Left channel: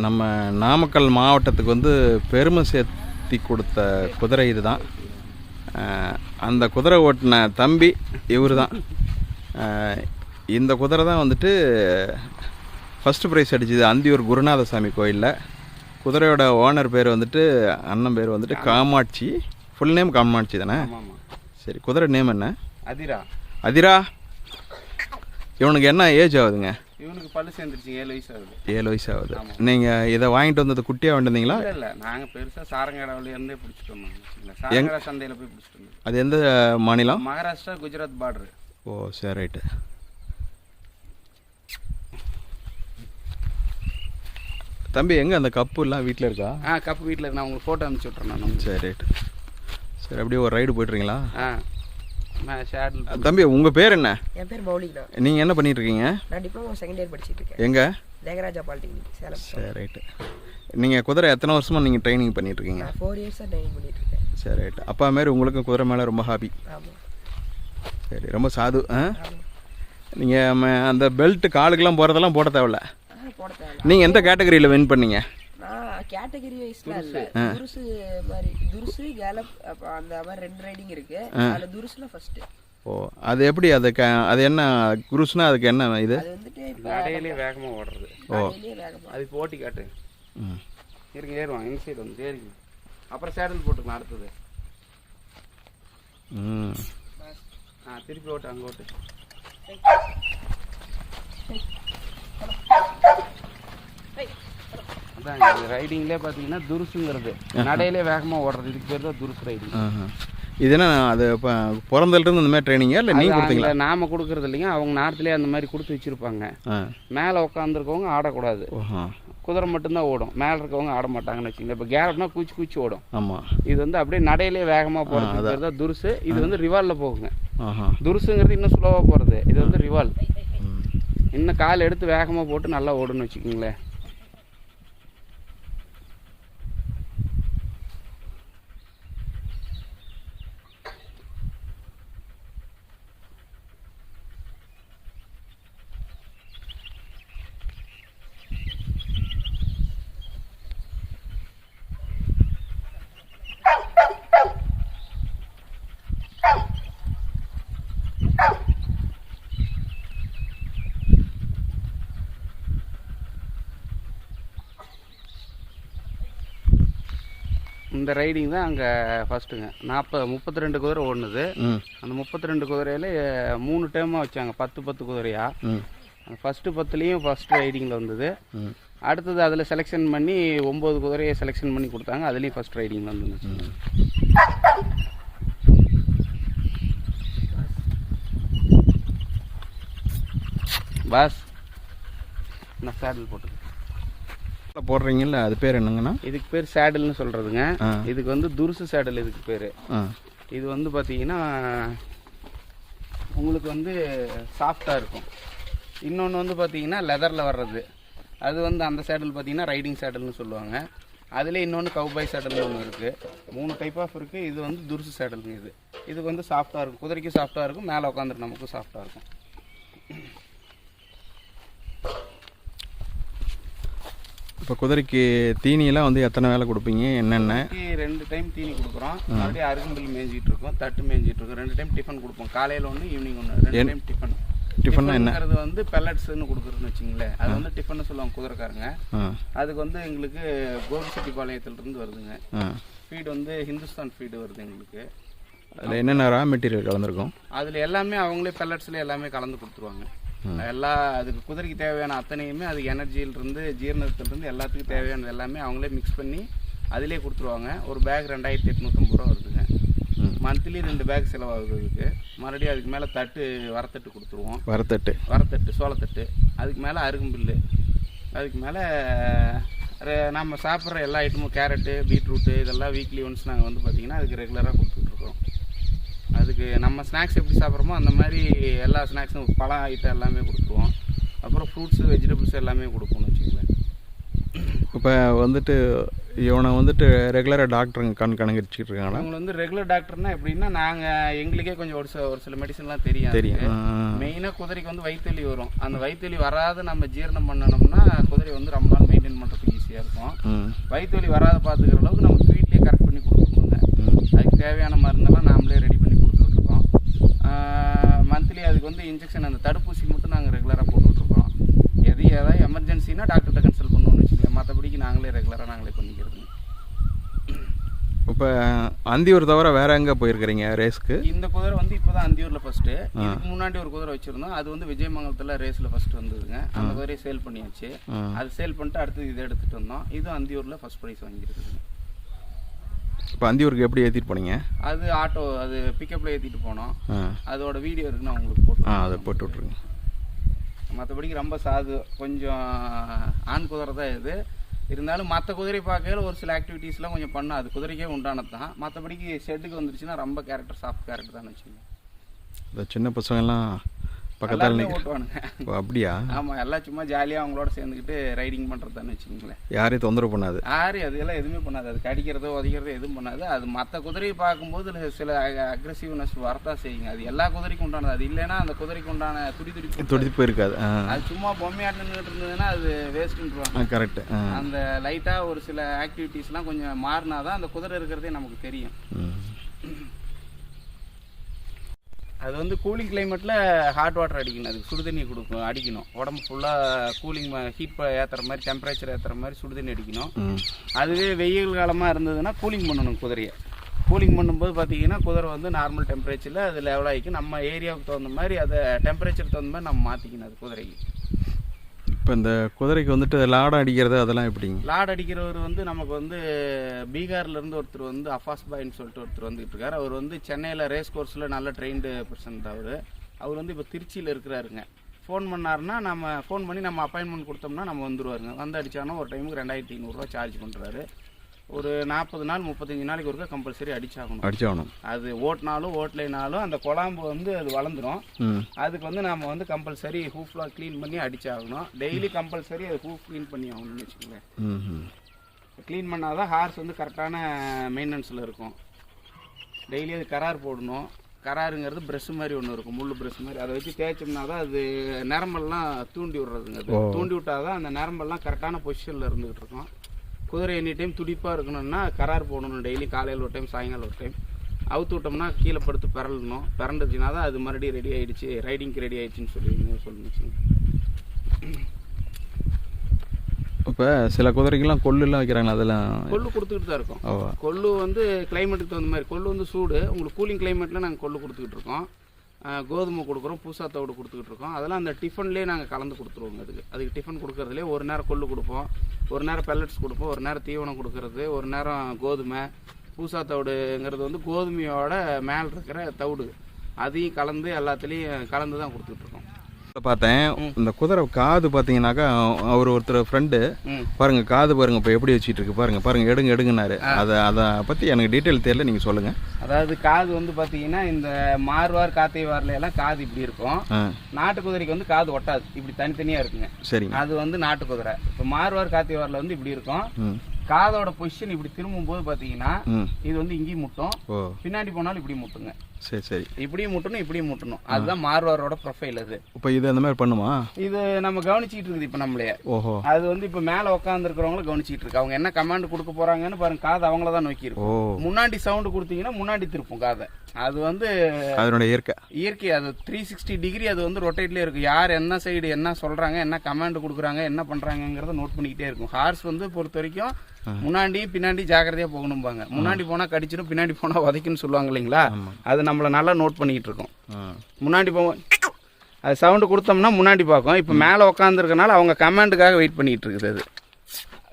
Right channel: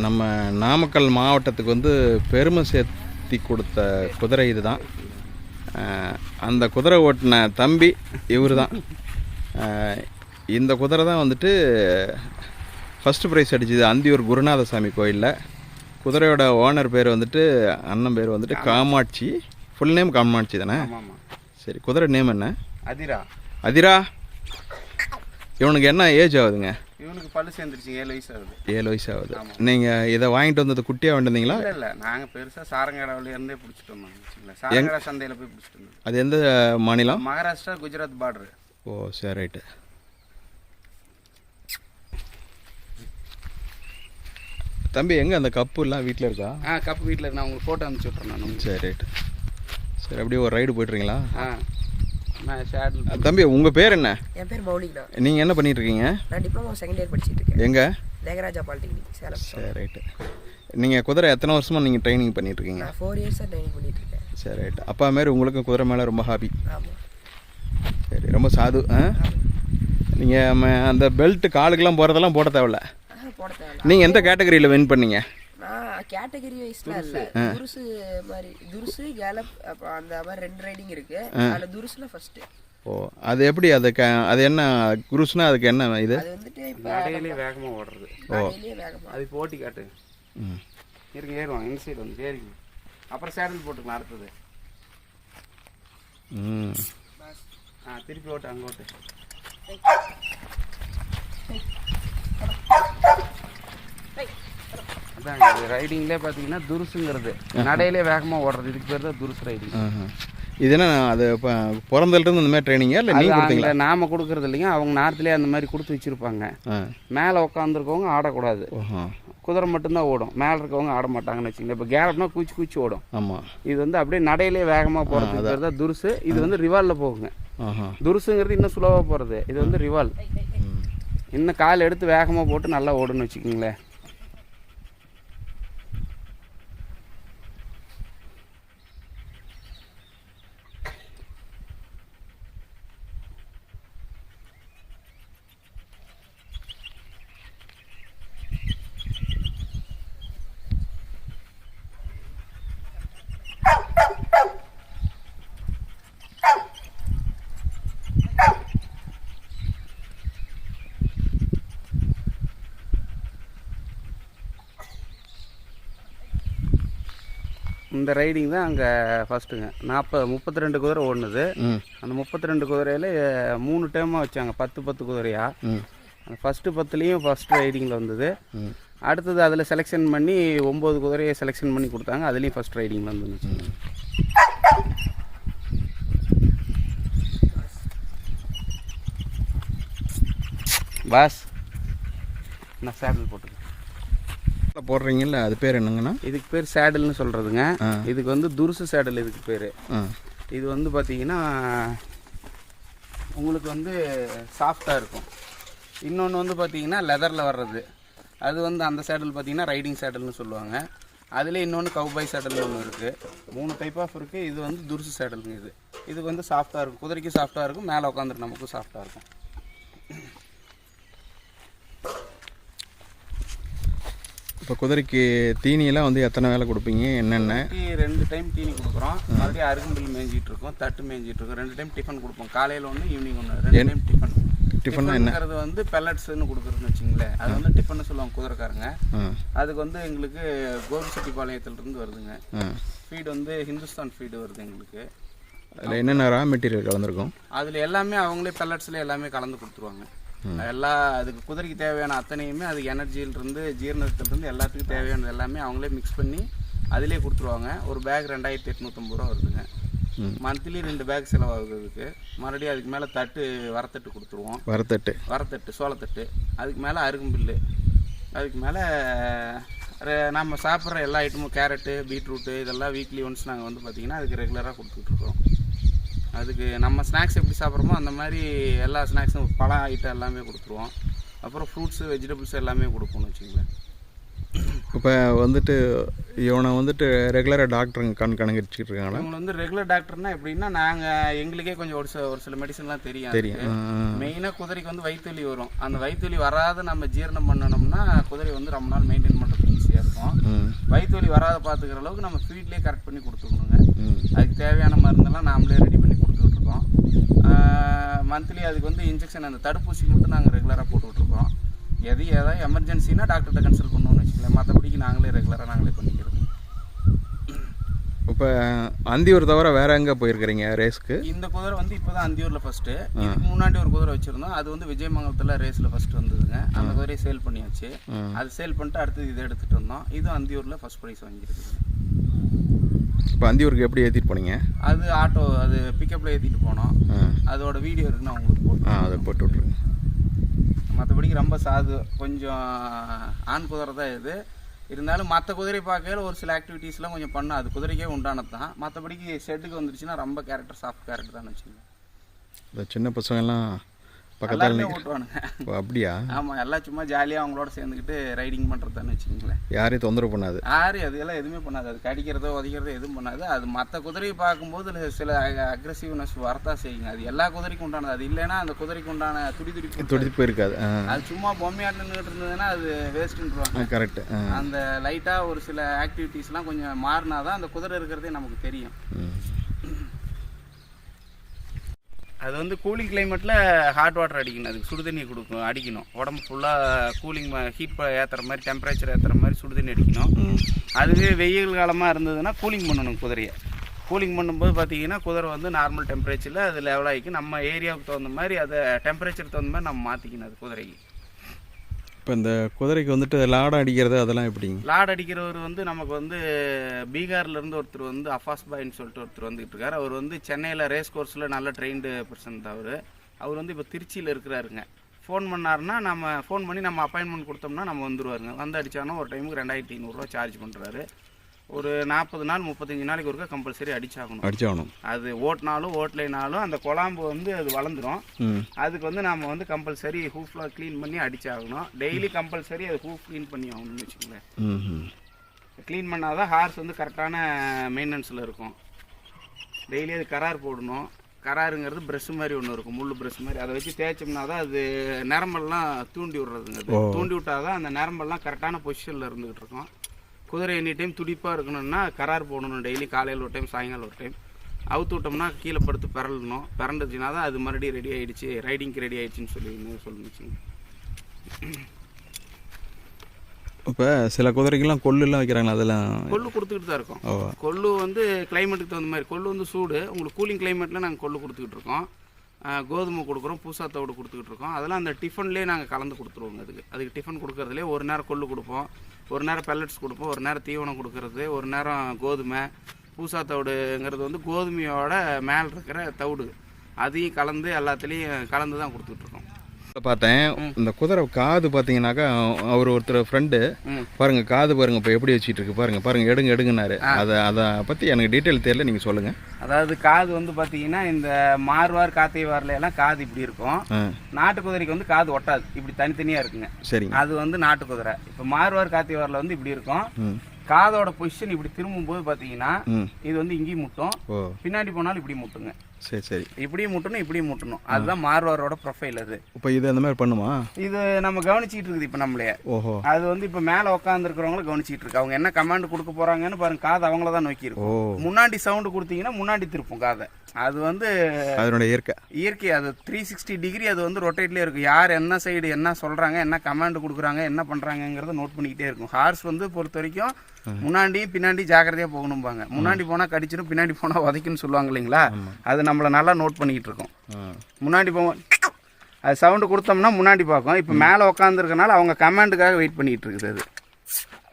நம்ம நாமக்கல் மாவட்டத்துக்கு வந்து பெருமை சேர்த்தி கொடுத்த குதிரை இதுதான். அஹ், அந்த குதிரை ஓட்டின தம்பி இவர் தான் இந்த குதிரை தான் வந்துட்டு ஃபஸ்ட்டு ப்ரைஸ் அடிச்சது அந்தியூர் குருநாதசாமி கோயிலில். குதிரையோட ஓனர் பேர் வந்துட்டு அண்ணன் பேர் வந்துட்டு காமாட்சி. ஃபுல் நேம் காமாட்சி தானே? சரி குதிரை நேம் என்ன? அதிரா. அதிரா? இவனுக்கு என்ன ஏஜ் ஆகுதுங்க? இவனுக்கு பல்லு சேர்ந்துருச்சுங்க ஏழு வயசு ஆகுது. ஏழு வயசு ஆகுது. நீங்கள் இதை வாங்கிட்டு வந்தது குட்டியாக வந்திருந்தீங்களா? இல்லை இல்லை. நாங்கள் பெருசாக சாரங்கடாவில இருந்தே பிடிச்சிட்டு வந்தோம் சாரங்கடா சந்தையில் போய் பிடிச்சிட்டு வந்தோம். அது எந்த மாநிலம்? மகாராஷ்டிரா குஜராத் பார்டர் ஓ சரி ரைட்டு. தம்பி எங்கே அந்த கப்புலாம் வீட்டில் இருக்கா? ஆ கப்பு வீட்டில் நான் உங்களுக்கு ஃபோட்டோ அனுப்பிச்சி விட்றேன் நான் சரி ரைட்டு. சரி அப்படியே ஒரு ரைடு போய்ட்டுறீங்களா ஆ. தம்பி உங்கள் பேர் என்ன? என் பேர் மௌலிக்னா நீங்கள் என்ன பண்ணிட்டு இருக்கீங்க நான் டிப்ளமோ செகண்ட் இயர் படிச்சிட்டு இருக்கேன் எங்கே? தேகராஜா பாலிடெக்னிக் சேலம். சரி ரைட்டு நீங்கள் குதிரை எத்தனை வருஷமாக நீங்கள் ட்ரைனிங் பண்ணிட்டு இருக்கீங்க நான் ஃபோர் இயர்ஸாக ட்ரைனிங் பண்ணிட்டு இருக்கேன் சரி ரைட்டு அப்பா மாரி உங்களுக்கும் குதிரை மேலே ரொம்ப ஹாபி சரி ரொம்ப சாது ஆ? நீங்கள் அந்த பெல்ட் காலுக்கெல்லாம் போகிறதெல்லாம் போட தேவையில்ல. ஆ போட தேவையில்ல. நீங்கள் எந்த கேட்டகரியில் வின் பண்ணீங்க? கேட்டகரி வைஸ்லாம் இல்லை. துருசு மாதிரி துருசு கேலப் அந்த மாதிரி ரெண்டு ரைடிங் இருக்கு. அதில் துருசுல ஃபர்ஸ்ட் ஓ அது எப்படி? அது க அது என்ன குருஸ்னா அதுக்கு என்ன இது? அது வந்துட்டு இப்போ நடையிலே வேகமாக ஓடுறது. நடையிலே வேகமாக அதுக்கு ஓட்டி காட்டு. ம். இருங்க ஏறுவான் இந்த சைடு வந்து ஏறிங்க. அப்புறம் சேடல் போட்டுக்கலாம் அடுத்தது ம். ஆ திருப்பி ஓட்டு அங்கே ஓட்டு. அதான் ரைடிங்லேயே பார்த்தீங்கன்னா துருசுங்கிறது. நடையிலே வேகமாக ஓடுறது. இதுக்கு பேர் தான் துருசு ரைடிங். இது என்ன அது இப்போ பிறந்ததுலேருந்து இந்த மாதிரி ட்ரைனிங்கா இல்லை நீங்கள் கொடுத்தீங்களா? நாம கொடுக்கறது இல்லைங்க. அவங்க நார்த்துலேயே அந்த மாதிரி கொடுத்து வச்சிருப்பாங்க. மேலே உட்காந்துருக்கவங்க ஆடக்கூடாது. குதிரை மட்டும்தான் ஓடும். மேலே இருக்கவங்க ஆட மாட்டாங்கன்னு வச்சுங்க இப்போ கேரட்னா கூச்சி கூச்சி ஓடும். ஆமாம் இது வந்து அப்படியே நடையிலே வேகமாக போகிறது தான் துருசு. இது வந்து ரிவாலில் போகுங்க. துருசுங்கிறது இன்னும் ஸ்லோவாக போகிறது இது வந்து ரிவால் இன்னும் கால் எடுத்து வேகமாக போட்டு நல்லா ஓடுன்னு வச்சுக்கோங்களேன். இந்த ரைடிங் தான் அங்கே ஃபஸ்ட்டுங்க நாற்பது முப்பத்தி ரெண்டு குதிரை ஓடுனது. அந்த முப்பத்தி ரெண்டு குதிரையில் மூணு டைமாக வச்சாங்க. பத்து பத்து குதிரையா? ஃபஸ்ட்டு பத்துலேயும் ஃபஸ்ட் ரைடிங்கில் வந்தது. அடுத்தது அதில் செலெக்ஷன் பண்ணி ஒம்பது குதிரையை செலெக்ஷன் பண்ணி கொடுத்தாங்க. அதுலேயும் ஃபஸ்ட் ரைடிங்கில் வந்துருந்துச்சு பாஸ். நான் சேடல் போட்டு போடுறீங்கல்ல அது பேர் என்னங்கண்ணா? இதுக்கு பேர் சேடல்னு சொல்கிறதுங்க. இதுக்கு வந்து துருசு சேடல் இதுக்கு பேர். இது வந்து பார்த்தீங்கன்னா உங்களுக்கு வந்து சாஃப்டாக இருக்கும். இன்னொன்று வந்து பார்த்தீங்கன்னா லெதரில் வர்றது. அது வந்து அந்த சேடல் பார்த்தீங்கன்னா ரைடிங் சேடல்னு சொல்லுவாங்க. அதில் இன்னொன்று கவுபாய் சேடல்னு ஒன்று இருக்குது மூணு டைப் ஆஃப் இருக்குது இது வந்து துருசு சேடலுங்க இது. இது வந்து சாஃப்டாக இருக்கும். குதிரைக்கும் சாஃப்டாக இருக்கும். மேலே உட்காந்துட்டு நமக்கும் சாஃப்டாக இருக்கும். இப்போ குதிரைக்கு தீனியெல்லாம் வந்து எத்தனை வேலை கொடுப்பீங்க? என்னென்ன? ரெண்டு டைம் தீனி கொடுக்குறோம். மறுபடியும் அருகம்பில் மேய்ஞ்சிட்டு இருக்கோம் தட்டு மேய்ஞ்சிட்டு இருக்கோம் ரெண்டு டைம் டிஃபன் கொடுப்போம். காலையில் ஒன்று ஈவினிங் ஒன்று ரெண்டு டைம் டிஃபன். டிஃபன்னா என்ன? டிஃபன்ங்கிறது வந்து பெல்லட்ஸ்னு கொடுக்குறதுன்னு வச்சுங்களேன். அது வந்து டிஃபன் சொல்லுவாங்க குதிரைக்காரங்க. அதுக்கு வந்து எங்களுக்கு கோபிச்செட்டிப்பாளையத்துலேருந்து வருதுங்க. ஃபீடு வந்து ஹிந்துஸ்தான் ஃபீடு வருது எங்களுக்கு. அதில் என்னென்ன ரா மெட்டீரியல் கலந்துருக்கும்? அதில் எல்லாமே அவங்களே பெல்லட்ஸில் எல்லாமே கலந்து கொடுத்துருவாங்க. எல்லா அதுக்கு குதிரைக்கு தேவையான அத்தனையுமே அது எனர்ஜியிலிருந்து ஜீரணத்திலிருந்து எல்லாத்துக்கும் தேவையானது எல்லாமே அவங்களே மிக்ஸ் பண்ணி அதிலே கொடுத்துருவாங்க. ஒரு பேக் ரெண்டாயிரத்தி எட்நூற்றம்பது ரூபா வருதுங்க. மந்த்லி ரெண்டு பேக் செலவாகுது அதுக்கு மறுபடியும் அதுக்கு மேலே தட்டு வரத்தட்டு கொடுத்துருவோம். வரத்தட்டு. வரத்தட்டு சோளத்தட்டு. அதுக்கு மேலே அருகம்பில்லு அதுக்கு மேலே நம்ம சாப்பிட்ற எல்லா ஐட்டமும் கேரட்டு பீட்ரூட்டு இதெல்லாம் வீக்லி ஒன்ஸ் நாங்கள் வந்து பார்த்திங்கன்னா அதுக்கு ரெகுலராக கொடுத்துட்ருக்கோம் அதுக்கு நம்ம ஸ்நாக்ஸ் எப்படி சாப்பிட்றோமோ அந்த மாதிரி எல்லா ஸ்நாக்ஸும் பழம் ஐட்டம் எல்லாமே கொடுத்துருவோம். அப்புறம் ஃப்ரூட்ஸு வெஜிடபிள்ஸ் எல்லாமே கொடுப்போம்னு வச்சுங்களேன் இப்போ வந்துட்டு இவனை வந்துட்டு ரெகுலராக டாக்டருங்க கண் கணக்கடிச்சிட்டு இருக்காங்களா அவங்க வந்து ரெகுலர் டாக்டர்னா எப்படின்னா நாங்கள் எங்களுக்கே கொஞ்சம் ஒரு சில ஒரு சில மெடிசன்லாம் தெரியும் தெரியும். மெயினாக குதிரைக்கு வந்து வயிற்றுவலி வரும். அந்த வயிற்றுவலி வராத நம்ம ஜீரணம் பண்ணணும்னா குதிரை வந்து ரொம்ப நாள் மெயின்டைன் ஈஸியாக இருக்கும் வயிற்று வலி வராத பார்த்துக்கிற அளவுக்கு நம்ம ஃபீட்லேயே கரெக்ட் பண்ணி கொடுத்துக்கணுங்க ம். அதுக்கு தேவையான மருந்தெல்லாம் நாமளே ரெடி பண்ணி கொடுத்துக்கிட்டு இருக்கோம் மந்த்லி அதுக்கு வந்து இன்ஜெக்ஷன் அந்த தடுப்பூசி மட்டும் நாங்கள் ரெகுலராக போட்டுட்ருக்கோம் எது ஏதாவது எமர்ஜென்சினா டாக்டர்கிட்ட கன்சல்ட் பண்ணணும்னு வச்சுக்கோங்க. மற்றபடிக்கு நாங்களே ரெகுலராக நாங்களே பண்ணிக்கிறது இப்போ அந்தியூர் தவிர வேற எங்கே போயிருக்கிறீங்க ரேஸ்க்கு? இந்த குதிரை வந்து இப்போதான் அந்தியூரில் ஃபஸ்ட்டு இதுக்கு முன்னாடி ஒரு குதிரை வச்சுருந்தோம். அது வந்து விஜயமங்கலத்தில் ரேஸில் ஃபஸ்ட்டு வந்ததுங்க. அந்த குதிரையை சேல் பண்ணியாச்சு. அது சேல் பண்ணிட்டு அடுத்தது இதை எடுத்துகிட்டு வந்தோம். இதுவும் அந்தியூரில் ஃபஸ்ட் ப்ரைஸ் வாங்கியிருக்குது இப்போ அந்தியூருக்கு எப்படி ஏற்றிட்டு போனீங்க? அது ஆட்டோ அது பிக்கப்பில் ஏற்றிட்டு போனோம். அதோட வீடியோ இருக்கு நான் உங்களுக்கு போட்டு அதை போட்டு விட்ருங்க மற்றபடிக்கு ரொம்ப சாது கொஞ்சம் ஆண் குதிரை தான் இது. இருந்தாலும் மற்ற குதிரை பார்க்கையில் ஒரு சில ஆக்டிவிட்டீஸ்லாம் கொஞ்சம் பண்ணும் அது குதிரைக்கே உண்டானது தான் மற்றபடிக்கு ஷெட்டுக்கு வந்துருச்சுன்னா ரொம்ப கேரக்டர் சாஃப்ட் கேரக்டர் தான் வச்சுக்கோங்க இந்த சின்ன பசங்கள்லாம் பக்கத்தில் ஓட்டுவானுங்க. அப்படியா? ஆமாம் எல்லாம் சும்மா ஜாலியாக அவங்களோட சேர்ந்துக்கிட்டு ரைடிங் பண்ணுறதான்னு வச்சுக்கோங்களேன். யாரையும் தொந்தரவு பண்ணாது. ஆறு அதெல்லாம் எதுவுமே பண்ணாது. அது கடிக்கிறதோ உதைக்கிறதோ எதுவும் பண்ணாது. அது மற்ற குதிரையை பார்க்கும்போது சில அக்ரெசிவ்னஸ் வரத்தான் செய்யுங்க. அது எல்லா குதிரைக்கும் உண்டானது. அது இல்லைன்னா அந்த குதிரைக்கு உண்டான துடி துடிப்பு துடிப்பு இருக்காது. அது சும்மா பொம்மையாட்டு நின்றுட்டு இருந்ததுன்னா அது வேஸ்ட்டுன்றாங்க கரெக்டு அந்த லைட்டாக ஒரு சில ஆக்டிவிட்டீஸ்லாம் கொஞ்சம் மாறினா தான் அந்த குதிரை இருக்கிறதே நமக்கு தெரியும். அது வந்து கூலிங் கிளைமேட்டில் ஹாட் வாட்டர் அடிக்கணும். அதுக்கு சுடு தண்ணி கொடுக்கணும் அடிக்கணும். உடம்பு ஃபுல்லாக கூலிங் ஹீட் ஏற்றுற மாதிரி டெம்பரேச்சர் ஏற்றுற மாதிரி சுடு தண்ணி அடிக்கணும். அதுவே வெயில் காலமாக இருந்ததுன்னா கூலிங் பண்ணணும் குதிரையை. கூலிங் பண்ணும்போது பார்த்தீங்கன்னா குதிரை வந்து நார்மல் டெம்பரேச்சரில் அது லெவல் ஆகிக்கும் நம்ம ஏரியாவுக்கு தகுந்த மாதிரி அதை டெம்பரேச்சர் தகுந்த மாதிரி நம்ம மாற்றிக்கணும் அது குதிரைக்கு. இப்போ இந்த குதிரைக்கு வந்துட்டு லாடம் அடிக்கிறது அதெல்லாம் எப்படிங்க? லாட் அடிக்கிறவர் வந்து நமக்கு வந்து பீகார்லேருந்து ஒருத்தர் வந்து அஃபாஸ் பாய்ன்னு சொல்லிட்டு ஒருத்தர் வந்துட்டு இருக்காரு. அவர் வந்து சென்னையில் ரேஸ் கோர்ஸில் நல்ல ட்ரெயின்டு பர்சன் அவர். அவர் வந்து இப்போ திருச்சியில் இருக்கிறாருங்க. ஃபோன் பண்ணாருன்னா நம்ம ஃபோன் பண்ணி நம்ம அப்பாயின்மெண்ட் கொடுத்தோம்னா நம்ம வந்துருவாருங்க. வந்து அடிச்சானா ஒரு டைமுக்கு ரெண்டாயிரத்தி ஐநூறுரூவா சார்ஜ் பண்ணுறாரு ஒரு நாற்பது நாள் முப்பத்தஞ்சு நாளைக்கு ஒருக்கா கம்பல்சரி அடிச்சாகணும். அடிச்சாகணும். அது ஓட்டினாலும் ஓட்டலைனாலும் அந்த குழாம்பு வந்து அது வளர்ந்துரும். ம். அதுக்கு வந்து நம்ம வந்து கம்பல்சரி ஹூஃப்லாம் க்ளீன் பண்ணி அடிச்சாகணும். டெய்லி கம்பல்சரி அது ஹூஃப் க்ளீன் பண்ணி ஆகணும்னு வச்சுக்கோங்களேன். க்ளீன் பண்ணால் தான் ஹார்ஸ் வந்து கரெக்டான மெயின்டெனன்ஸில் இருக்கும். டெய்லி அது கரார் போடணும். கராருங்கிறது ப்ரெஷ் மாதிரி ஒன்று இருக்கும். முள் ப்ரெஷ் மாதிரி. அதை வச்சு தேய்ச்சோம்னா தான் அது நரம்பெல்லாம் தூண்டி விடுறதுங்க. அது தூண்டி விட்டால் தான் அந்த நரம்பெல்லாம் கரெக்டான பொசிஷனில் இருந்துகிட்டு இருக்கும். குதிரை எனி டைம் துடிப்பாக இருக்கணும்னா கரார் போடணும் டெய்லி காலையில் ஒரு டைம் சாயங்காலம் ஒரு டைம் அவுத்து விட்டோம்னா கீழே படுத்து பிறலணும் பிறண்டுச்சுன்னா தான் அது மறுபடியும் ரெடி ஆயிடுச்சு. ரைடிங்க்கு ரெடி ஆயிடுச்சுன்னு சொல்லி சொல்லணும் வச்சுங்க இப்போ சில குதிரைக்கெல்லாம் கொல்லுலாம் வைக்கிறாங்களா அதெல்லாம்? கொள்ளு கொடுத்துக்கிட்டு தான் இருக்கோம். கொள்ளு வந்து கிளைமேட்டுக்கு தகுந்த மாதிரி. கொள்ளு வந்து சூடு. உங்களுக்கு கூலிங் கிளைமேட்டில் நாங்கள் கொள்ளு கொடுத்துக்கிட்டு இருக்கோம். கோதுமை கொடுக்குறோம் பூசாத்தோடு கொடுத்துக்கிட்டு இருக்கோம். அதெல்லாம் அந்த டிஃபன்லேயே நாங்கள் கலந்து கொடுத்துருவோங்க அதுக்கு. அதுக்கு டிஃபன் கொடுக்கறதுலே ஒரு நேரம் கொள்ளு கொடுப்போம். ஒரு நேரம் பெல்லட்ஸ் கொடுப்போம் ஒரு நேரம் தீவனம் கொடுக்கறது ஒரு நேரம் கோதுமை பூசா தவிடுங்கிறது வந்து கோதுமையோட மேலே இருக்கிற தவிடு. அதையும் கலந்து எல்லாத்துலேயும் கலந்து தான் கொடுத்துட்ருக்கோம் பார்த்தேன். இந்த குதிரை காது பார்த்தீங்கன்னாக்கா அவர் ஒருத்தர் ஃப்ரெண்டு பாருங்க காது பாருங்க இப்போ எப்படி வச்சுட்டு இருக்கு பாருங்க பாருங்க எடுங்க எடுங்கனாரு அதை அதை பற்றி எனக்கு டீட்டெயில் தெரியல நீங்கள் சொல்லுங்க. அதாவது காது வந்து பார்த்தீங்கன்னா இந்த மார்வார் காத்தை வாரில் எல்லாம் காது இப்படி இருக்கும். நாட்டு குதிரைக்கு வந்து காது ஒட்டாது இப்படி தனித்தனியாக இருக்குங்க. சரிங்க. அது வந்து நாட்டு குதிரை. இப்போ மார்வார் காத்திவாரில் வந்து இப்படி இருக்கும். காதோட பொசிஷன் இப்படி திரும்பும்போது பார்த்தீங்கன்னா ம். இது வந்து இங்கேயும் முட்டும். பின்னாடி போனாலும் இப்படி முட்டுங்க. சரி சரி. இப்படியும் முட்டணும் இப்படியும் முட்டணும். அதுதான் மார்வாரோட ப்ரொஃபைல் அது. இப்போ இது அந்த மாதிரி பண்ணுமா? இது நம்ம கவனிச்சிட்டு இருக்குது இப்போ நம்மளையே ஓஹோ. அது வந்து இப்போ மேலே உட்காந்துருக்கிறவங்களும் கவனிச்சிட்டு இருக்கு. அவங்க என்ன கமாண்ட் கொடுக்க போறாங்கன்னு பாருங்க காது அவங்கள தான் நோக்கி இருக்கும். முன்னாடி சவுண்டு கொடுத்தீங்கன்னா முன்னாடி திருப்பும் காதை. அது வந்து அதனுடைய இயற்கை. இயற்கை அது த்ரீ சிக்ஸ்டி டிகிரி அது வந்து ரொட்டேட்லேயே இருக்கும். யார் என்ன சைடு என்ன சொல்கிறாங்க என்ன கமாண்ட் கொடுக்குறாங்க என்ன பண்ணுறாங்கங்கிறத நோட் பண்ணிக்கிட்டே இருக்கும். ஹார்ஸ் வந்து பொறுத்த வரைக்கும் முன்னாடி பின்னாடி ஜாக்கிரதையாக போகணும்பாங்க. முன்னாடி போனால் கடிச்சிடும் பின்னாடி போனால் உதைக்குன்னு சொல்லுவாங்க இல்லைங்களா? அது நம்மளை நல்லா நோட் பண்ணிக்கிட்டு இருக்கோம் முன்னாடி போவோம் அது சவுண்டு கொடுத்தோம்னா முன்னாடி பார்க்கும். இப்போ மேலே உட்காந்துருக்கனால அவங்க கமாண்டுக்காக வெயிட் பண்ணிக்கிட்டு இருக்குது அது.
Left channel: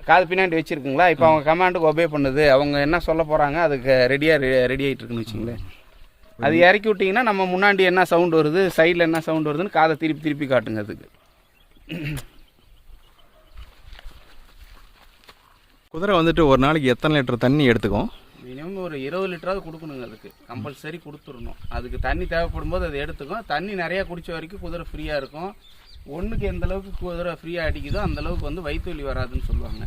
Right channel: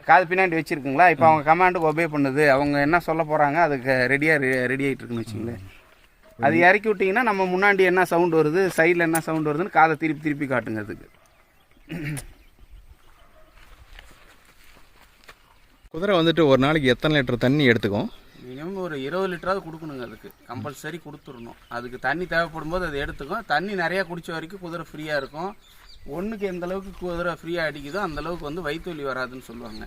காது பின்னாடி வச்சிருக்குங்களா? இப்போ அவங்க கமாண்டுக்கு ஒபே பண்ணுது. அவங்க என்ன சொல்ல போகிறாங்க அதுக்கு ரெடியாக ரெடி ஆகிட்டு இருக்குன்னு வச்சுங்களேன். அது இறக்கி விட்டிங்கன்னா நம்ம முன்னாடி என்ன சவுண்ட் வருது சைடில் என்ன சவுண்ட் வருதுன்னு காதை திருப்பி திருப்பி காட்டுங்க அதுக்கு. குதிரை வந்துட்டு ஒரு நாளைக்கு எத்தனை லிட்டர் தண்ணி எடுத்துக்கும்? மினிமம் ஒரு இருபது லிட்டராவது கொடுக்கணுங்க அதுக்கு. கம்பல்சரி கொடுத்துடணும். அதுக்கு தண்ணி தேவைப்படும் போது அதை எடுத்துக்கும். தண்ணி நிறையா குடித்த வரைக்கும் குதிரை ஃப்ரீயாக இருக்கும். ஒன்றுக்கு எந்த அளவுக்கு குதிரை ஃப்ரீயாக அடிக்குதோ அந்த அளவுக்கு வந்து வயிற்று வலி வராதுன்னு சொல்லுவாங்க.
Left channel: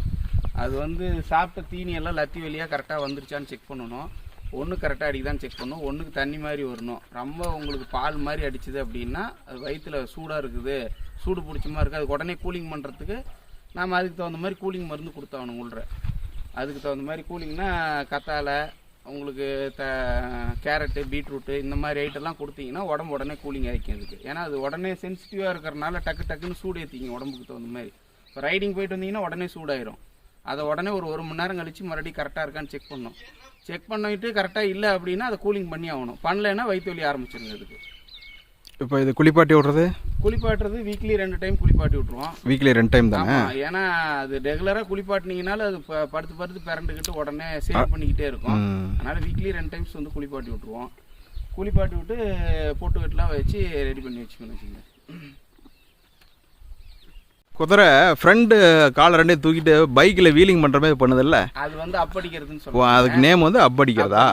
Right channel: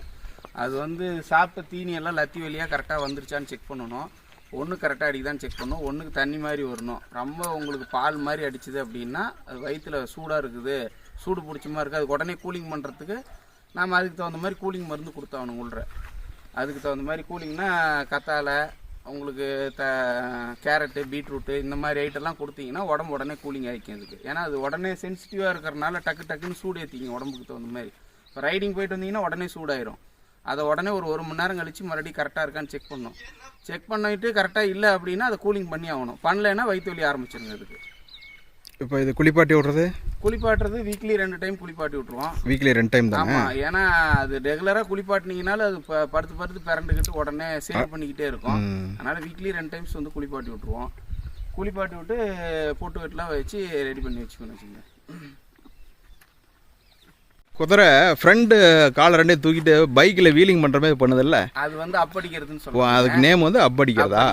அது வந்து சாப்பிட்ட தீனி எல்லாம் லத்தி வழியாக கரெக்டாக வந்துருச்சான்னு செக் பண்ணணும். ஒன்று கரெக்டாக அடிக்குதான்னு செக் பண்ணணும். ஒன்றுக்கு தண்ணி மாதிரி வரணும். ரொம்ப உங்களுக்கு பால் மாதிரி அடிச்சுது அப்படின்னா அது வயிற்றில் சூடாக இருக்குது. சூடு பிடிச்ச மாதிரி இருக்குது அதுக்கு உடனே கூலிங் பண்ணுறதுக்கு நாம் அதுக்கு தகுந்த மாதிரி கூலிங் மருந்து கொடுத்தாகணும் உள்ள. அதுக்கு தகுந்த மாதிரி கூலிங்னா கத்தாழை உங்களுக்கு த கேரட்டு பீட்ரூட்டு இந்த மாதிரி ஐட்டெல்லாம் கொடுத்தீங்கன்னா உடம்பு உடனே கூலிங் ஆகிக்கும் அதுக்கு. ஏன்னா அது உடனே சென்சிட்டிவாக இருக்கிறனால டக்கு டக்குன்னு சூடு ஏற்றிங்க உடம்புக்கு தகுந்த மாதிரி. இப்போ ரைடிங் போயிட்டு வந்தீங்கன்னா உடனே சூடாயிரும். அதை உடனே ஒரு ஒரு மணி நேரம் கழித்து மறுபடியும் கரெக்டாக இருக்கான்னு செக் பண்ணணும் செக் பண்ணிட்டு கரெக்டாக இல்லை அப்படின்னா அதை கூலிங் பண்ணி ஆகணும். பண்ணலைன்னா வயிற்று வலி ஆரம்பிச்சிருங்க அதுக்கு. இப்போ இது குளிப்பாட்டி விட்றது? குளிப்பாட்டுறது வீக்லி ரெண்டு டைம் குளிப்பாட்டி விட்ருவோம் வீக்லி ரெண்டு டைம் தானே? ஏன்னா அது ரெகுலரா குளிப்பாட்டினீங்கனாலும் அது ப- படுத்து படுத்து பிறண்டுக்கிட்டு உடனே சேவ் பண்ணிக்கிட்டே இருக்கும். அதனால வீக்லி ரெண்டு டைம்ஸ் வந்து குளிப்பாட்டி விட்ருவோம் குளிப்பாட்டி விட்டு பொட்டு கட்டெலாம் வச்சு ரெடி பண்ணி வச்சுக்கணும் வச்சுங்க குதிரை ஃப்ரண்ட் காலை ரெண்டையும் தூக்கிட்டு பைக்கில் வீலிங் பண்ணுற மாதிரி பண்ணுதில்ல? அது வந்து அப்படிக்கிறதுன்னு ஓ சொல்லுவாங்க. அதுக்கு நேம் வந்து அப்படிக்கிறதா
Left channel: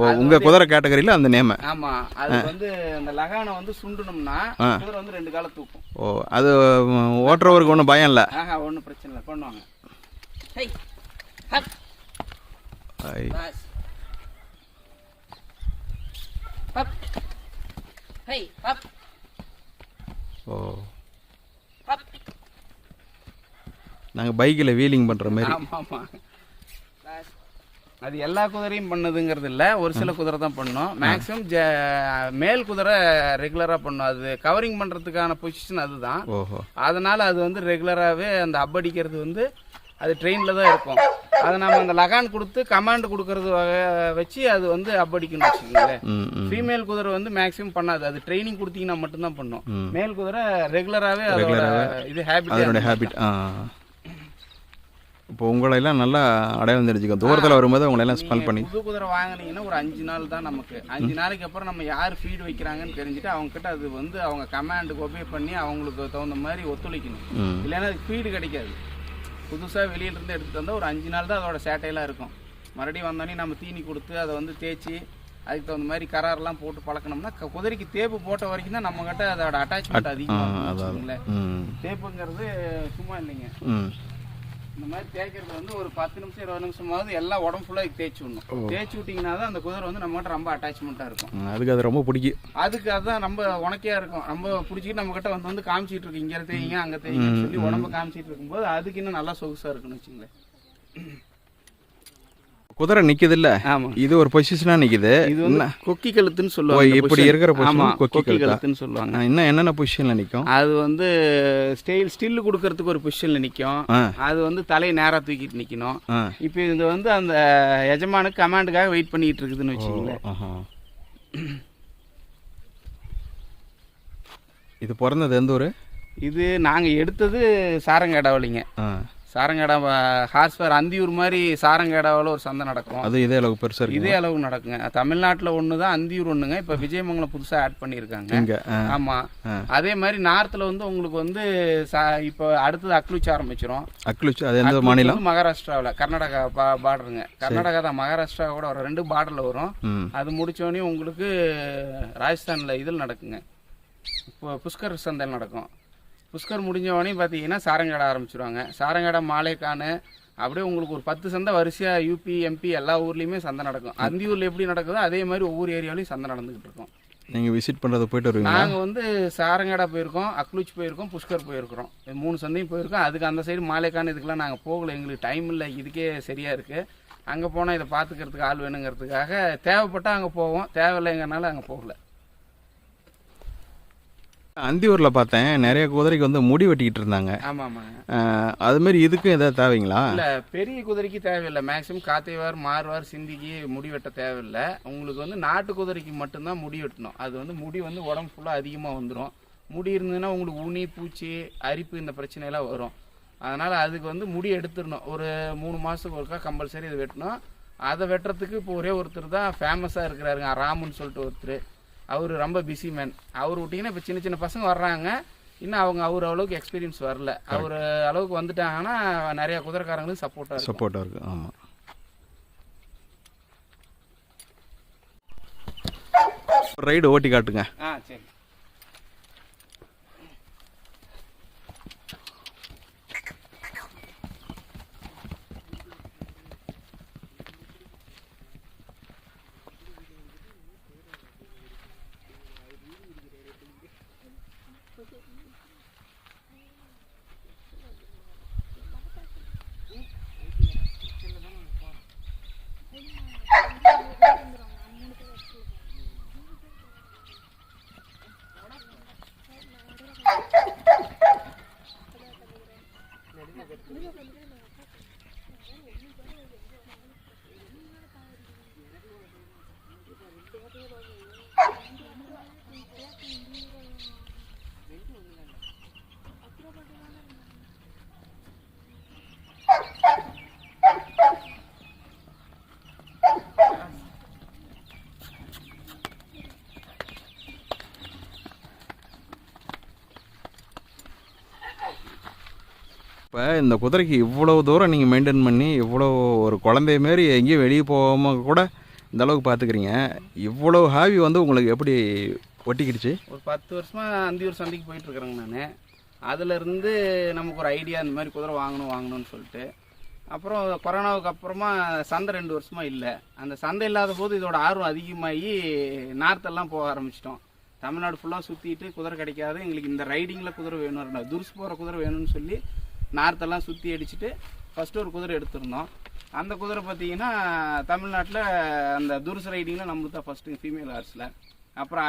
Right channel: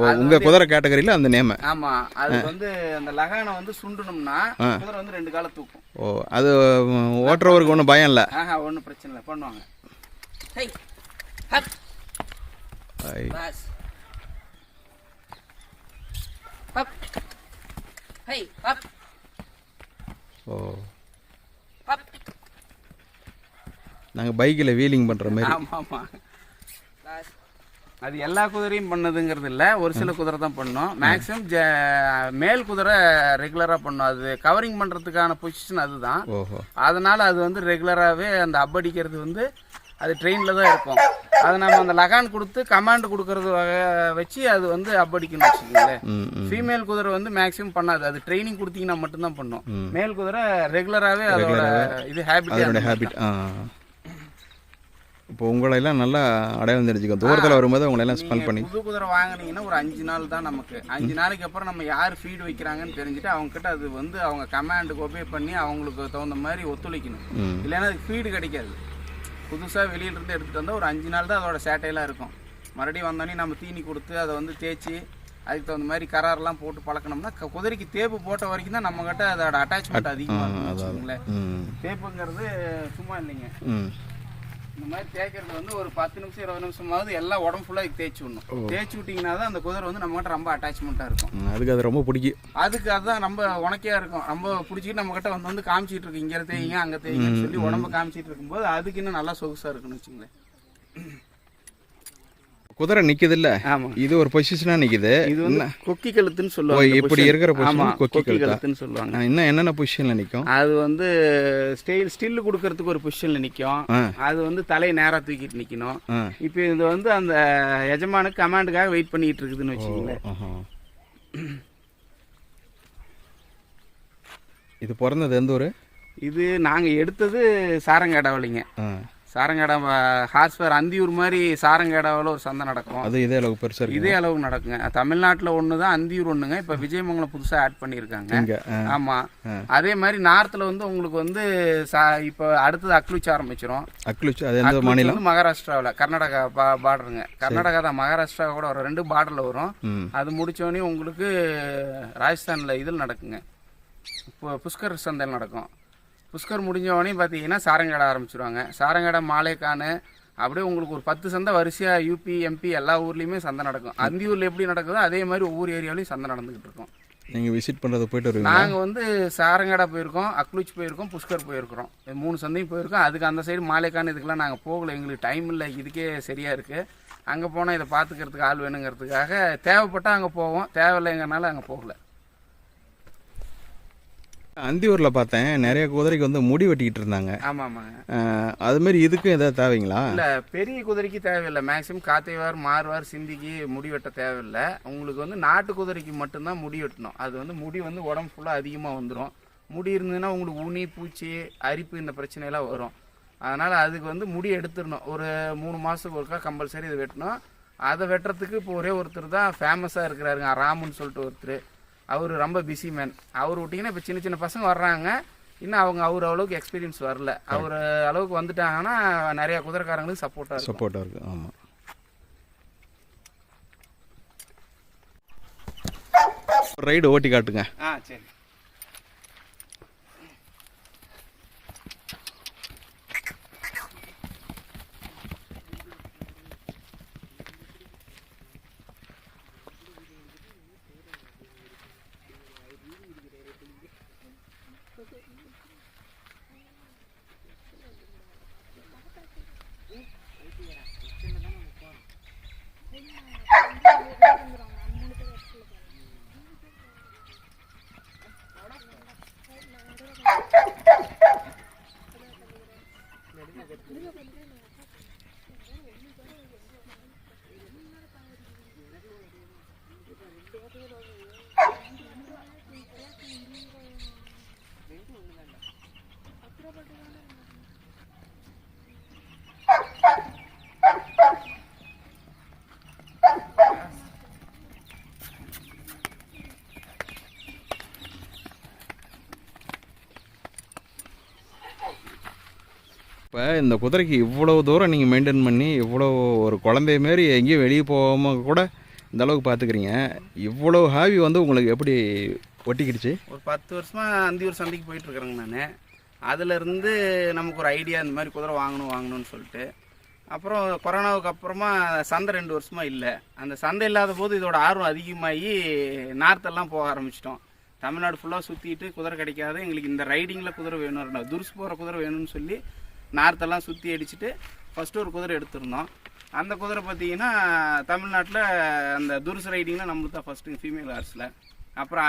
ஓ உங்கள் குதிரை கேட்டகரியில் அந்த நேமு ஆமா அது வந்து அந்த லகானை வந்து சுண்டணும்னா குதிரை வந்து ரெண்டு காலை தூக்கும். ஓ அது ஓட்டுறவருக்கு ஒன்றும் பயம் இல்லை? ஆஹா ஒன்றும் பிரச்சனை இல்லை பண்ணுவாங்க. ஹை ஹப். ஹப். ஓ ஹப் நாங்கள் பைக்கில் வீலிங் பண்ணுற மாதிரி. ஆமா ஆமா பஸ் அது எல்லா குதிரையும் பண்ணதுங்கிறது இல்ல. ஒரு சில குதிரை தான் பண்ணும். மேக்ஸிமம் மேல் குதிரை ரெகுலரா பண்ணும். அது கவரிங் பண்றதுக்கான பொசிஷன் அதுதான். ஓஹோ. அதனால அது வந்து ரெகுலராகவே அந்த அப்படிக்கிறது வந்து அது ட்ரெயினில் தான் இருக்கும். அதை நம்ம அந்த லகான் கொடுத்து கமாண்ட் கொடுக்கறது வச்சு அது வந்து அப்படிக்கணும்னு வச்சுக்கோங்களேன். ஃபீமேல் குதிரை வந்து மேக்ஸிமம் பண்ணாது. அது ட்ரைனிங் கொடுத்தீங்கன்னா மட்டும்தான் பண்ணும். மேல் குதிரை ரெகுலராகவே இது ஹேபிட் ஹேபிட் இப்போ உங்களையெல்லாம் நல்லா அடையாளம் தெரிஞ்சுக்கும் தூரத்தில் வரும்போது உங்களையெல்லாம் ஸ்மெல் பண்ணி புது குதிரை வாங்குனீங்கன்னா ஒரு அஞ்சு நாள் தான் நமக்கு. அஞ்சு நாளைக்கு அப்புறம் நம்ம யார் ஃபீட் வைக்கிறாங்கன்னு தெரிஞ்சுட்டு அவங்க கிட்ட அது வந்து அவங்க கமாண்டுக்கு ஒபே பண்ணி அவங்களுக்கு தகுந்த மாதிரி ஒத்துழைக்கணும். இல்லைன்னா அதுக்கு ஃபீடு கிடைக்காது. புதுசாக வெளியில இருந்து எடுத்துட்டு வந்தால் ஒரு அஞ்சு நாள் தான் அதோட சேட்டையெல்லாம் இருக்கும். மறுபடியும் வந்தோடனே நம்ம தீனி கொடுத்து அதை வந்து தேய்ச்சி அதுக்கு தகுந்த மாதிரி கராரெல்லாம் போட்டு பழக்கணும்னா குதிரைக்கு தேப்பு போட்ட வரைக்கும் தான் நம்ம கிட்ட அதோட அட்டாச்மெண்ட் அதிகமாக தேப்புங்கிறது சும்மா இல்லைங்க. இந்த மாதிரி தேய்க்கிறது வந்து ஒரு பத்து நிமிஷம் இருபது நிமிஷமாவது எல்லாம் உடம்பு ஃபுல்லாக தேய்ச்சி விடணும் தேய்ச்சி விட்டிங்கன்னா தான் அந்த குதிரை வந்து நம்ம கிட்ட ரொம்ப அட்டாச்மெண்ட்டாக இருக்கும். அதுக்கு அது ரொம்ப பிடிக்கும். அதுக்கு அதுதான் ரொம்ப உனக்கையா இருக்கும். ரொம்ப பிடிச்சிக்கிட்டு நம்ம கிட்ட வந்து வந்து காமிச்சிட்டு இருக்கு. இங்க தேய்ங்க அங்க தேய்ங்கன்னு சொல்லி உடம்ப காமிச்சிட்டு இருக்கும்போது அதுக்கு இன்னும் நல்லா சொகுசா இருக்குன்னு வச்சுங்களேன் குதிரை நிக்குதுல்ல? இது ஒரு பொசிஷனாக நிக்குது. கொக்கி கழுத்துன்னு சொல்லுவாங்க இப்படி இருக்கிற பொசிஷன் கொக்கி கழுத்தா? கழுத்துன்னு சொல்லுவாங்க. இன்னும் என்னென்ன பொசிஷனில் நிற்கும் அது வந்து ஸ்டைல் ஸ்டில் கொடுக்கறதுக்கு ஒரு பொசிஷன்ல நிக்கும். அது வந்து தலையை நேரா தூக்கிட்டு நிக்கணும். இப்போ இது வந்து அந்த எஜமானுக்கு கமாண்டுக்காக வெயிட் பண்ணிட்டு இருக்குதுன்னு வச்சுக்கோங்களேன். ஆஹா. இது பிறந்தது எந்த ஊர்? இது நாங்க எடுத்தது சாரங்காடாவிலிங்க சாரங்காடா ஹார்ஸ்பர் அந்தியூர் மாதிரி சாரங்காடாவில் ஒரு சந்தை நடக்கும். அது இதே அளவுக்கு பெருசாக இதே அளவு நடக்குங்க. தமிழ்நாட்டுல ஒன்று தான் அந்தியூர் ஒண்ணுங்க. இப்போ விஜயமங்கலம் புதுசா ஆட் பண்ணியிருக்காங்க. இங்கே ஆ. ஆமா. ஆ. அதே மாதிரி நார்த்ல வந்து உங்களுக்கு வந்து சா- இப்போ அடுத்தது அக்லுச்சி ஆரம்பிச்சிரும். அக்லுச்சு அது எந்த மாநிலம்? மகாராஷ்டிராவில் கர்நாடகா பா பார்டருங்க கர்நாடகா தான். மகாராஷ்டிரா கூட வரும் ரெண்டு பார்டர்ல வரும். அது முடிச்சோடனே உங்களுக்கு ராஜஸ்தான்ல இதில் நடக்குங்க. இப்போ புஷ்கர் சந்தையில் நடக்கும். புஷ்கர் முடிஞ்ச உடனே பார்த்தீங்கன்னா சாரங்காடை ஆரம்பிச்சிருவாங்க. சாரங்காடை மாலேக்கானு அப்படியே உங்களுக்கு ஒரு பத்து சந்தை வரிசையாக யூபி எம்பி எல்லா ஊர்லேயுமே சந்தை நடக்கும். அந்தியூரில் எப்படி நடக்குதோ அதே மாதிரி ஒவ்வொரு ஏரியாலையும் சந்தை நடந்துகிட்டு இருக்கும். நீங்கள் விசிட் பண்ணுறது போயிட்டு வருவீங்களா? நாங்கள் வந்து சாரங்காடா போயிருக்கோம் அக்லூச் போயிருக்கோம் புஷ்கர் போயிருக்கிறோம். மூணு சந்தையும் போயிருக்கோம். அதுக்கு அந்த சைடு மாலேக்கான் இதுக்கெல்லாம் நாங்கள் போகல. எங்களுக்கு டைம் இல்லை. இதுக்கே சரியாக இருக்குது அங்கே போனால் இதை பார்த்துக்கிறதுக்கு ஆள் வேணுங்கிறதுக்காக தேவைப்பட்டால் அங்கே போவோம். தேவையில்லைங்கனால அங்கே போகல. அந்தியூரில் பார்த்தேன். நிறைய குதிரைக்கு வந்து முடி வெட்டிக்கிட்டு இருந்தாங்க. ஆமாம் அது மாதிரி இதுக்கும் எதாவது தேவைங்களா? இல்லை பெரிய குதிரைக்கு தேவையில்லை. மேக்ஸிமம் காத்தைவார் மாறுவார் சிந்திக்கு முடி வெட்ட தேவையில்லை. உங்களுக்கு வந்து நாட்டு குதிரைக்கு மட்டும்தான் முடி வெட்டணும். அது வந்து முடி வந்து உடம்பு ஃபுல்லாக அதிகமாக வந்துடும் முடி இருந்ததுன்னா உங்களுக்கு உனி பூச்சி அரிப்பு இந்த பிரச்சனையெல்லாம் வரும். அதனால் அதுக்கு வந்து முடி எடுத்துடணும். ஒரு மூணு மாதத்துக்கு ஒருக்கா கம்பல்சரி இதை வெட்டணும். அதை வெட்டுறதுக்கு இப்போ ஒரே ஒருத்தர் தான் ஃபேமஸாக இருக்கிறாருங்க. ராமுன்னு சொல்லிட்டு ஒருத்தர். அவர் ரொம்ப பிஸி மேன் அவர் விட்டிங்கன்னா இப்போ சின்ன சின்ன பசங்க வர்றாங்க. இன்னும் அவங்க அவர் அளவுக்கு எக்ஸ்பீரியன்ஸ் வரல. அவர் அளவுக்கு வந்துட்டாங்கன்னா நிறைய குதிரைக்காரங்களுக்கு சப்போர்ட்டாக இருக்கும். சப்போர்ட்டாக இருக்கு ஆமாம் ரைடு ஓட்டி காட்டுங்க. ஆ சரி. இப்போ இந்த குதிரைக்கு இவ்வளோ தூரம் நீங்கள் மெயின்டைன் பண்ணி இவ்வளோ ஒரு குழந்தைய மாரி எங்கேயும் வெளியே போகாமல் கூட இந்த அளவுக்கு பார்த்துக்கிறீங்க இவ்வளோ ஹாவி வந்து உங்களுக்கு எப்படி ஒட்டிக்கிடுச்சு? ஒரு பத்து வருஷமாக அந்தியூர் சந்தைக்கு போயிட்டு இருக்கிறேங்க நான். அதுலேருந்து நமக்கு ஒரு ஐடியா இந்த மாதிரி குதிரை வாங்கணும் வாங்கணும்னு சொல்லிட்டு. அப்புறம் கொரோனாவுக்கு அப்புறமா சந்தை ரெண்டு வருஷமாக இல்லை. அந்த சந்தை இல்லாத போது இதோட ஆர்வம் அதிகமாகி நார்த்தெல்லாம் போக ஆரம்பிச்சிட்டோம். தமிழ்நாடு ஃபுல்லாக சுற்றிட்டு குதிரை கிடைக்காது. எங்களுக்கு இந்த ரைடிங்கில் குதிரை வேணும் துருசு போகிற குதிரை வேணும்னு சொல்லி நார்த்தெல்லாம் சுற்றி அடிச்சுட்டு ஃபஸ்ட்டு ஒரு குதிரை எடுத்திருந்தோம். அந்த குதிரை பார்த்தீங்கன்னா தமிழ்நாட்டில் அந்த துருசு ரைடிங்கில் நம்மளுக்கு தான் ஃபஸ்ட்டு ஃபீமேல் ஹார்ஸில் அப்புறம்